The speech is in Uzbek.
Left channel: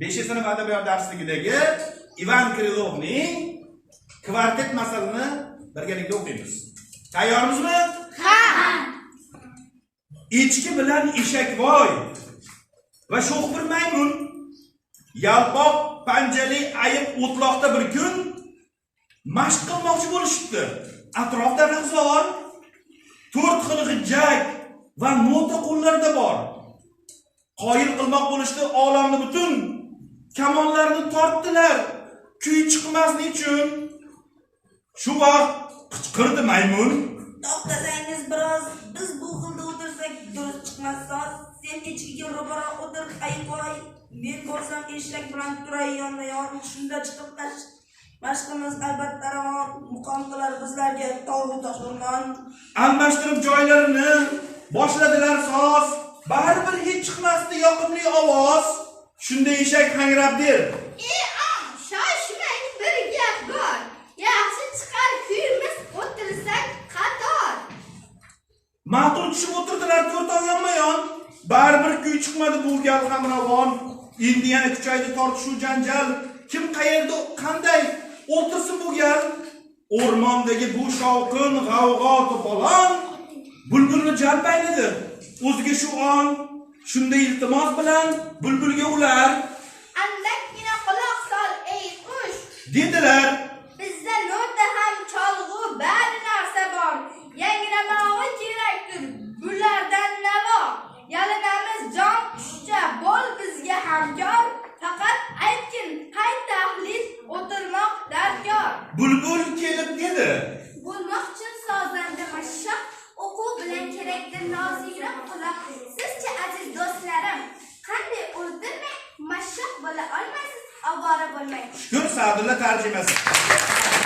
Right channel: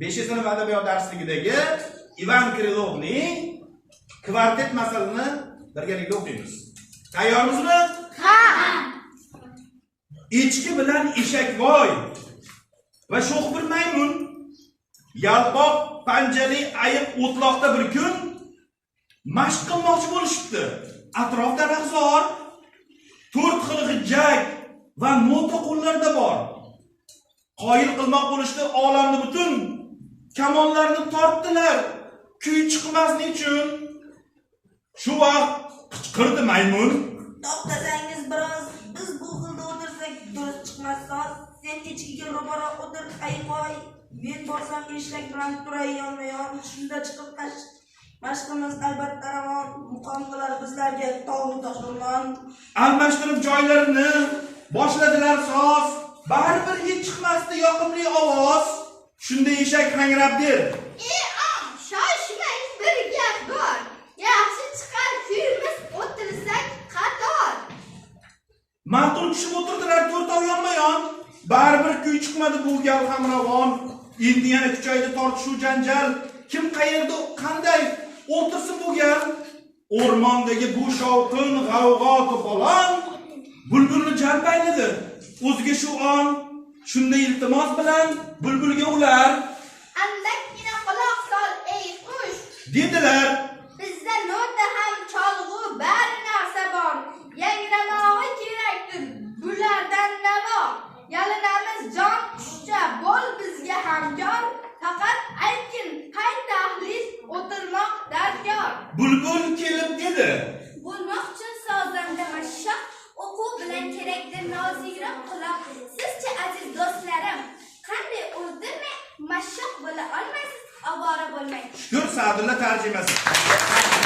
5-sinf adabiyot darsligidagi Ivan Krilovning kvartet masalini birgalikda o'qiymiz. Tayyormizmi? Ha. Echki bilan eshakvoy va sho'x bir maymun yalpoq panjali ayiq o'tloqda bir kun mashq qilmoqchi bo'lishibdi. Atrofda rahzor, 4 xil g'ijjak va nota qo'llarida bor. Qoyil qilmoq bo'lishdi olamni butun. Kamonlarni tortdilar, kuy chiqmaslik uchun. Shu vaqt qichqirdi maymun. To'xtasangiz biroz, biz bu xilda o'tirsak durust chiqmas. Sen echkiga ro'baro o'tir, ayiqoy. Men borsam eshak bilan turay yonma-yon. Shunda chiqib mashqimiz albatta ravon. Muqom qilar bizlarga tog' toshirmon. Almashtirib joylarini boshladilar soz. Baribir hech chiqmasdi yoqimli ovoz. Shunda eshak hangrab der. Shoshmang, bir gap bor. Yaxshi chiqar kuyimiz o'tirsak qator. Ma'qul tushib o'tirdilar 4 oy yonma-yon. Baribir kuy chiqmadi bu gal ham ravon. Endi yana kuchaydi tortishuv janjal. Kim qayerda qanday o'tirsin bu gal? O'rmondagi bu shovqin, g'avg'o to'polon bulbulni jalb ayladi. O'ziga shu on shunda iltimos bilan bulbulga ular Andakkina quloq sol ey qush. dedilar. Bizda nota ham cholg'u bari narsa bor. Yangramog'i kerakdir. Bulardan na bor. Yalinamiz jon qushcha bo'l bizga hamkor. Faqat aytgin qay tahlil o'tirmoq darkor. Bulbul kelib dedi. Bo'lmoq uchun sozanda mashshoq o'quv bilan kerakdir nozira quloq. Sizcha aziz do'stlarim, qanday o'ldirmay mashshoq bo'la olmaysiz, ovora bo'lmang. Shukur Sa'dulla tarjimasi.